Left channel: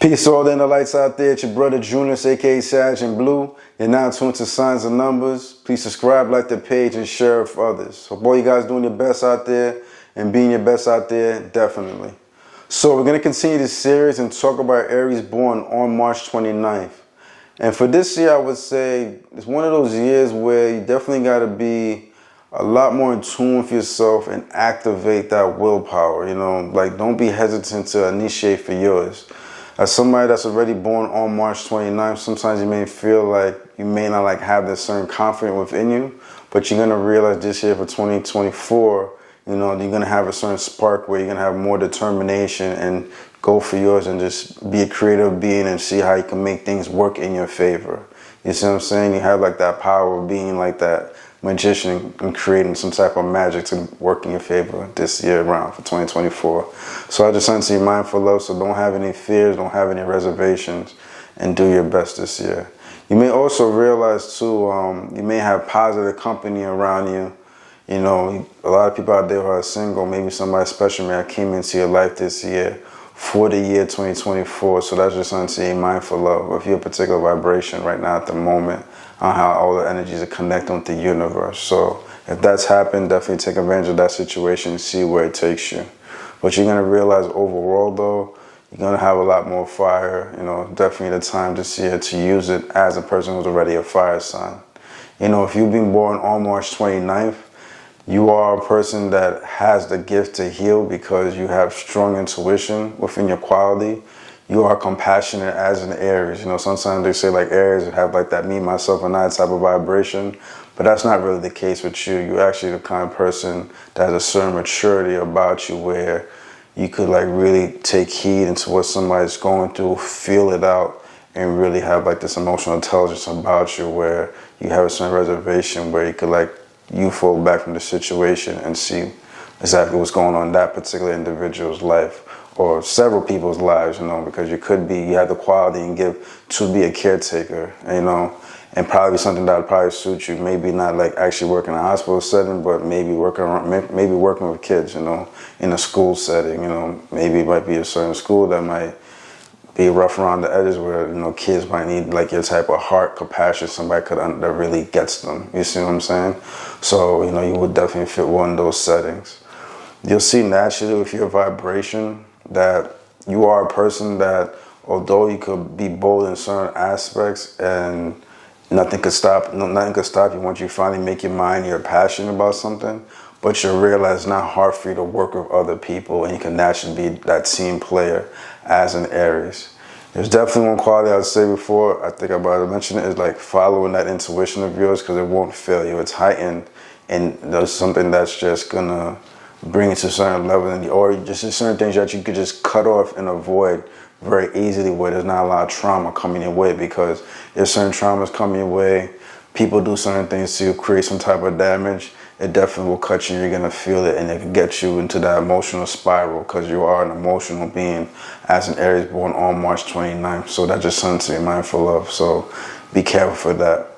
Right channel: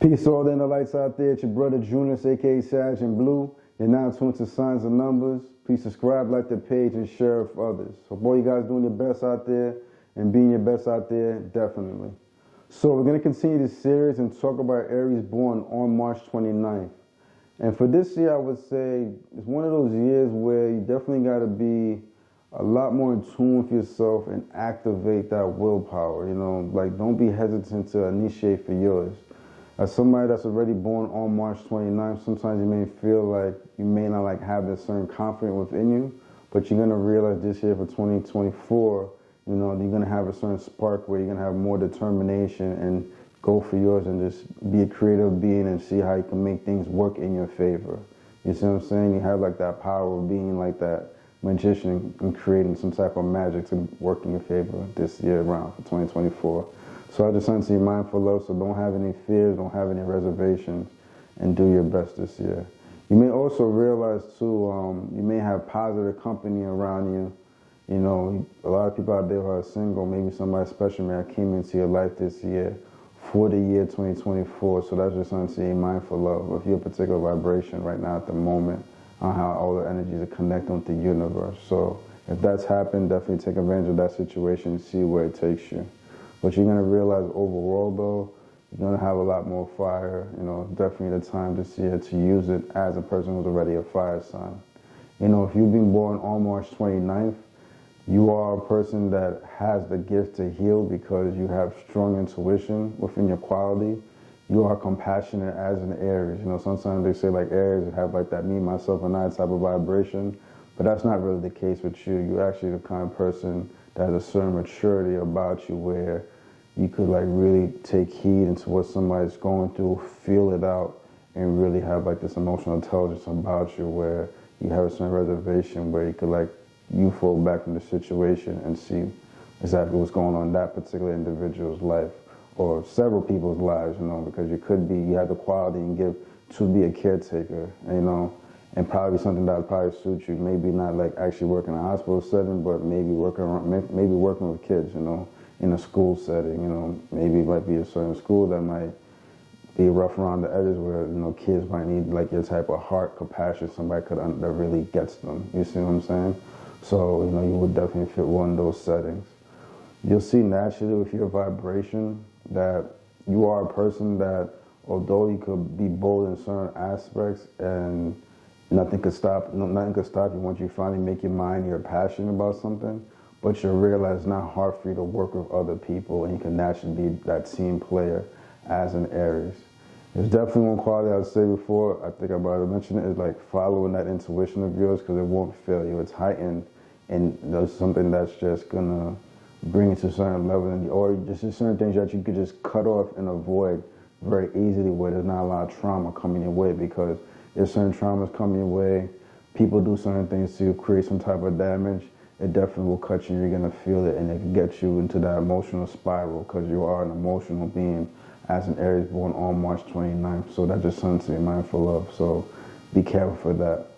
Peace to all the inner lights out there. It's your brother Junius, aka Sag and Blue. You're now tuned to Signs and Numbers. Please subscribe, like the page, and share it for others. Hope all you guys doing your best out there and being your best out there, definitely. So we're going to continue this series and talk about Aries born on March 29th. And for this year, I would say it's one of those years where you definitely got to be a lot more in tune with yourself and activate that willpower. You know, like don't be hesitant to initiate for yours. As somebody that's already born on March 29th, sometimes you may feel like you may not have this certain confidence within you, but you're going to realize this year for 2024, you know, you're going to have a certain spark where you're going to have more determination and go for yours and just be a creative being and see how you can make things work in your favor. You see what I'm saying? You have like that power of being like that magician and creating some type of magic to work in your favor this year around for 2024. So I just want to be mindful of, so don't have any fears, don't have any reservations, and do your best this year. You may also realize too, you may have positive company around you. You know, a lot of people out there who are single, maybe somebody special may have came into your life this year for the year 2024. So that's just something to be mindful of your particular vibration right now at the moment, on how all the energies are connecting with the universe. So if that's happened, definitely take advantage of that situation and see where it takes you. But you're gonna realize overall though, you're gonna have a lot more fire. You know, definitely the time this year to use it as a person who's already a fire sign. You know, if you've been born on March 29th, you are a person that has the gift to heal because you have strong intuition within your quality. You are compassionate as an Aries. You know, sometimes they say like Aries have like that me, myself, and I type of vibration, but that's not really the case with you. You're actually the kind of person that has a certain maturity about you where you could like really take heed into what somebody's going through, feel it out, and really have like this emotional intelligence about you where you have a certain reservation where you could like, you fall back from the situation and see exactly what's going on in that particular individual's life or several people's lives, you know, because you have the quality and give to be a caretaker, you know, and probably something that would probably suit you. Maybe not like actually working in a hospital setting, but maybe working with kids, you know, in a school setting, you know, maybe it might be a certain school that might be rough around the edges where, you know, kids might need like your type of heart, compassion, somebody that really gets them. You see what I'm saying? So, you know, you would definitely fit one of those settings. You'll see naturally with your vibration that you are a person that, although you could be bold in certain aspects and nothing could stop you once you finally make your mind, you're passionate about something, but you realize it's not hard for you to work with other people and you can naturally be that team player as an Aries. There's definitely one quality I would say before, I think about to mention it, is like following that intuition of yours because it won't fail you. It's heightened and there's something that's just gonna bring it to a certain level, or just certain things that you could just cut off and avoid very easily where there's not a lot of trauma coming your way, because if certain traumas come your way, people do certain things to create some type of damage, it definitely will cut you. You're gonna feel it and it can get you into that emotional spiral because you are an emotional being as an Aries born on March 29th. So that's just something to be mindful of. So be careful for that.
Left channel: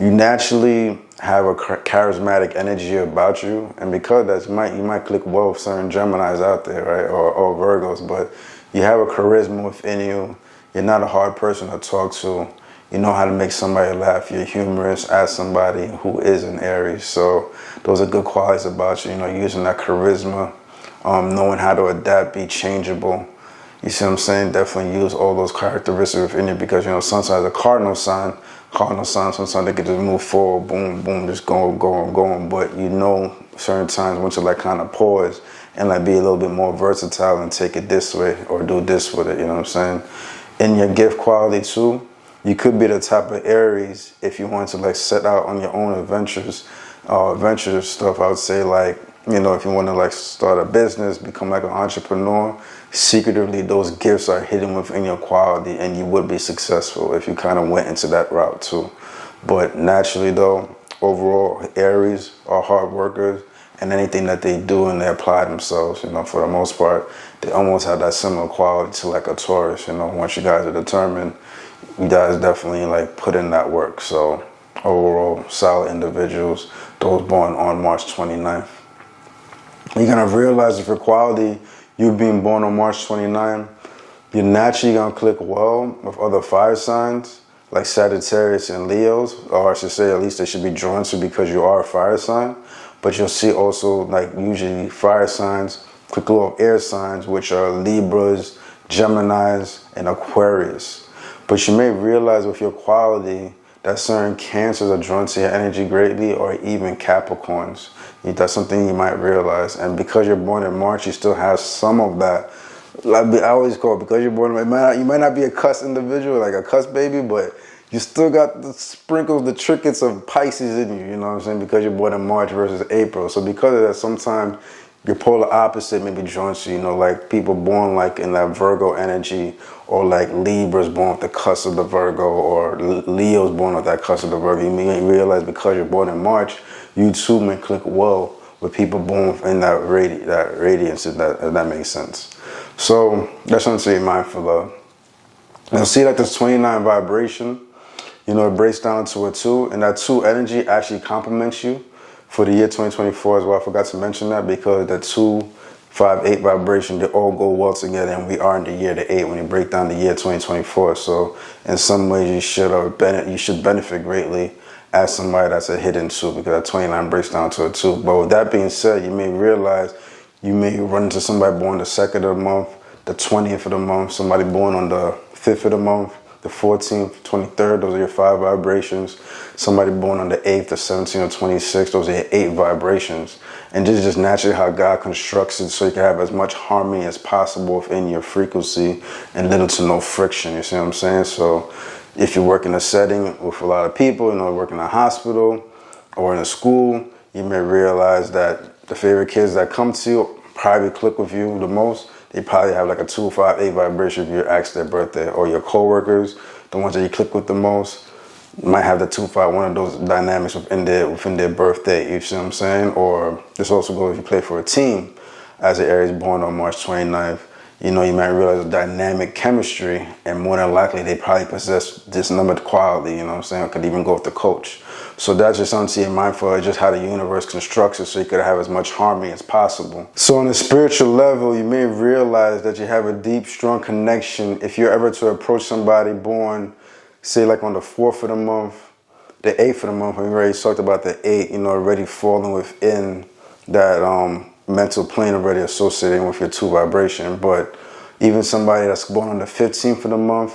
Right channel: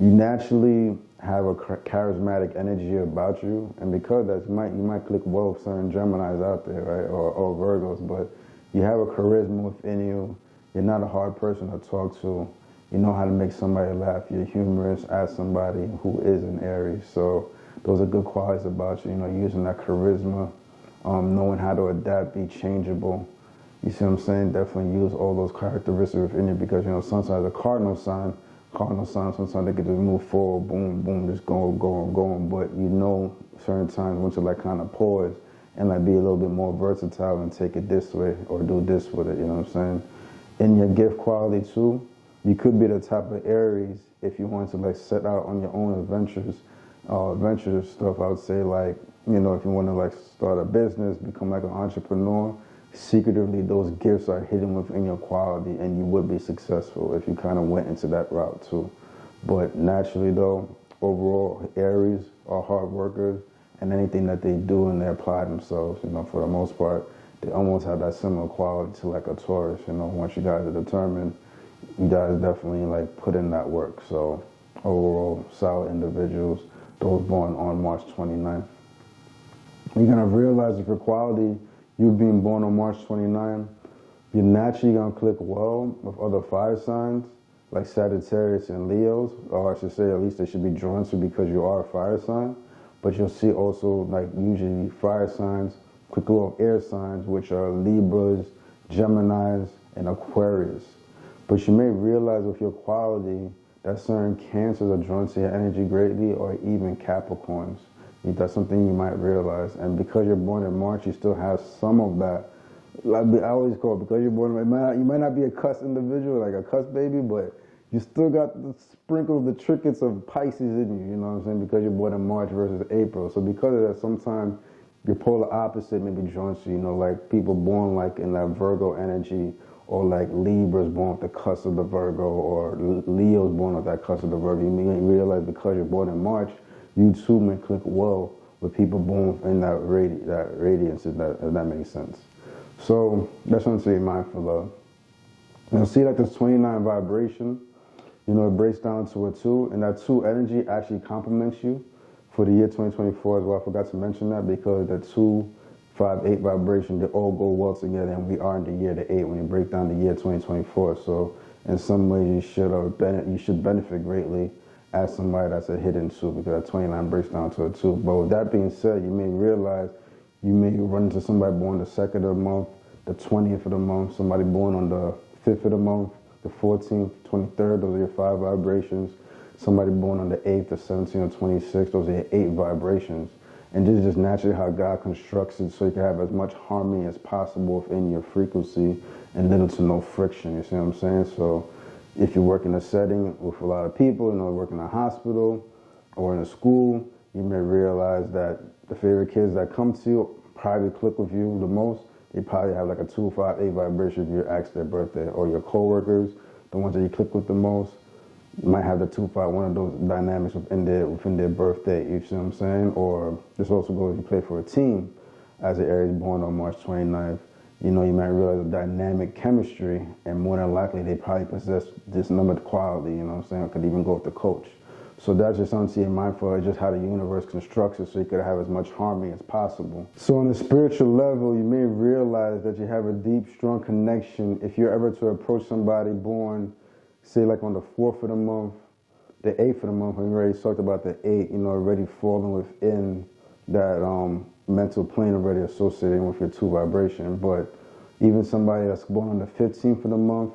You naturally have a charismatic energy about you, and because you might click well with certain Geminis out there, right, or Virgos, but you have a charisma within you. You're not a hard person to talk to. You know how to make somebody laugh. You're humorous as somebody who is an Aries. So those are good qualities about you. You know, using that charisma, knowing how to adapt, be changeable. You see what I'm saying? Definitely use all those characteristics within you because, you know, sometimes a cardinal sign, sometimes they can just move forward, boom, boom, just going. But you know, certain times once you like kind of pause and like be a little bit more versatile and take it this way or do this with it, you know what I'm saying? In your gift quality too, you could be the type of Aries if you want to like set out on your own adventures stuff. I would say like, you know, if you want to like start a business, become like an entrepreneur, secretly those gifts are hidden within your quality and you would be successful if you kind of went into that route too. But naturally though, overall Aries are hard workers, and anything that they do and they apply themselves, you know, for the most part, they almost have that similar quality to like a Taurus. You know, once you guys are determined, you guys definitely like put in that work. So overall, solid individuals, those born on March 29th. You're gonna realize if your quality, you being born on March 29th, You're naturally going to click well with other fire signs like Sagittarius and Leos, or I should say at least they should be drawn to because you are a fire sign. But you'll see also like usually fire signs click well with air signs, which are Libras, Geminis, and Aquarius. But you may realize with your quality that certain Cancers are drawn to your energy greatly, or even Capricorns. That's something you might realize. And because you're born in March, you still have some of that. Like I always call it, because you're born, you might not be a cuss individual, like a cuss baby, but you still got the sprinkles, the trinkets of Pisces in you, you know what I'm saying? Because you're born in March versus April. So because of that, sometimes your polar opposite may be drawn to, you know, like people born like in that Virgo energy, or like Libras born with the cusp of the Virgo, or Leo's born with that cusp of the Virgo. You may realize because you're born in March, you too may click well with people born in that radiance, if that makes sense. So that's something to be mindful of. You'll see like this 29 vibration, you know, it breaks down to a 2, and that 2 energy actually complements you for the year 2024 as well. I forgot to mention that because the 2, 5, 8 vibration, they all go well together, and we are in the year the 8 when you break down the year 2024. So in some ways you should benefit greatly as somebody that's a hidden 2, because that 29 breaks down to a 2. But with that being said, you may realize you may run into somebody born the 2nd of the month, the 20th of the month, somebody born on the 5th of the month, the 14th, 23rd, those are your 5 vibrations. Somebody born on the 8th, the 17th, or 26th, those are your 8 vibrations. And this is just naturally how God constructs it, so you can have as much harmony as possible within your frequency and little to no friction, you see what I'm saying? So if you work in a setting with a lot of people, you know, work in a hospital or in a school, you may realize that the favorite kids that come to you probably click with you the most. They probably have like a 2, 5, 8 vibration if you ask their birthday. Or your coworkers, the ones that you click with the most, might have the 2, 5, one of those dynamics within their birthday, you see what I'm saying? Or this also goes if you play for a team as an Aries born on March 29th. You know, you might realize a dynamic chemistry, and more than likely they probably possess this numbered quality, you know what I'm saying? It could even go with the coach. So that's just something to be mindful of, just how the universe constructs it, so you could have as much harmony as possible. So on a spiritual level, you may realize that you have a deep, strong connection if you're ever to approach somebody born, say like on the 4th of the month, the 8th of the month. We already talked about the 8, you know, already falling within that mental plane, already associating with your 2 vibration. But even somebody that's born on the 15th of the month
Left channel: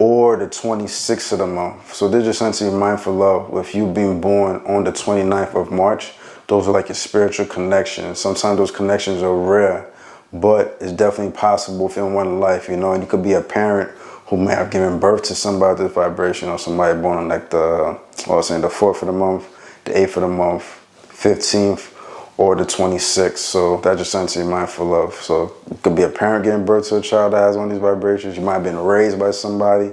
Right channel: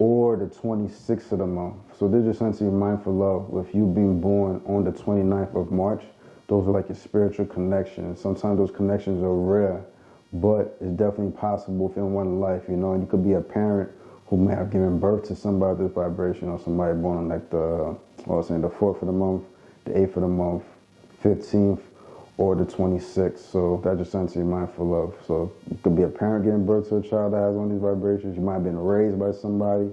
or the 26th of the month. So there's just something to be mindful of with you being born on the 29th of March. Those are like your spiritual connections. Sometimes those connections are rare, but it's definitely possible within one life, you know. And you could be a parent who may have given birth to somebody with this vibration, or somebody born on like the 4th of the month, the 8th of the month, 15th, or the 26th. So that's just something to be mindful of. So it could be a parent giving birth to a child that has one of these vibrations. You might have been raised by somebody,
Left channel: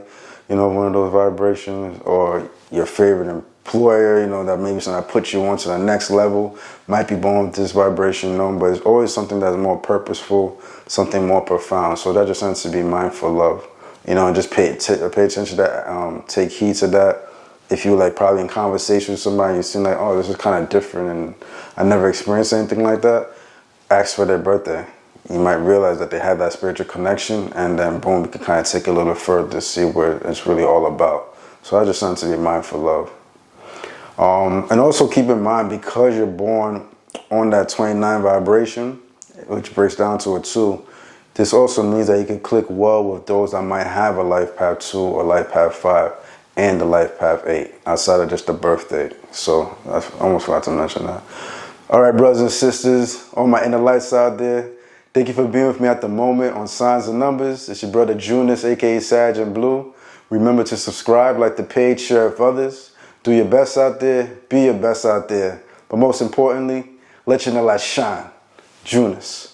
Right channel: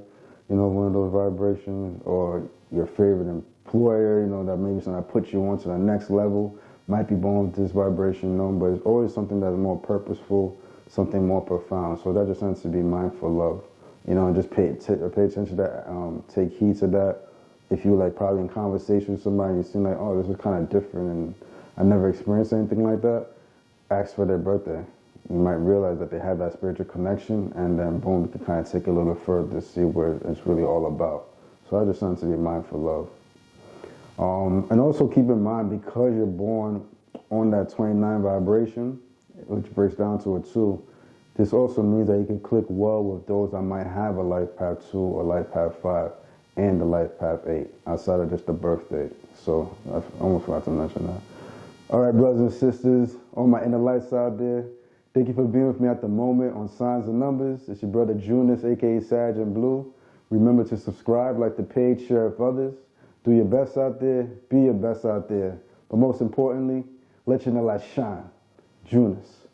you know, one of those vibrations, or your favorite employer, you know, that maybe something that puts you on to the next level might be born with this vibration, you know. But it's always something that's more purposeful, something more profound. So that's just something to be mindful of, you know, and just pay attention to that, take heed to that. If you like probably in conversation with somebody, you seem like, oh, this is kind of different and I never experienced anything like that, ask for their birthday. You might realize that they have that spiritual connection, and then boom, you can kind of take it a little further to see what it's really all about. So that's just something to be mindful of. And also keep in mind, because you're born on that 29 vibration, which breaks down to a 2, this also means that you can click well with those that might have a life path 2 or life path 5 and the life path 8 outside of just the birth date. So I almost forgot to mention that. All right, brothers and sisters, all my inner lights out there, thank you for being with me at the moment on Signs and Numbers. It's your brother Junus, aka Sag and Blue. Remember to subscribe, like the page, share with others. Do your best out there, be your best out there. But most importantly, let your inner light shine. Junus.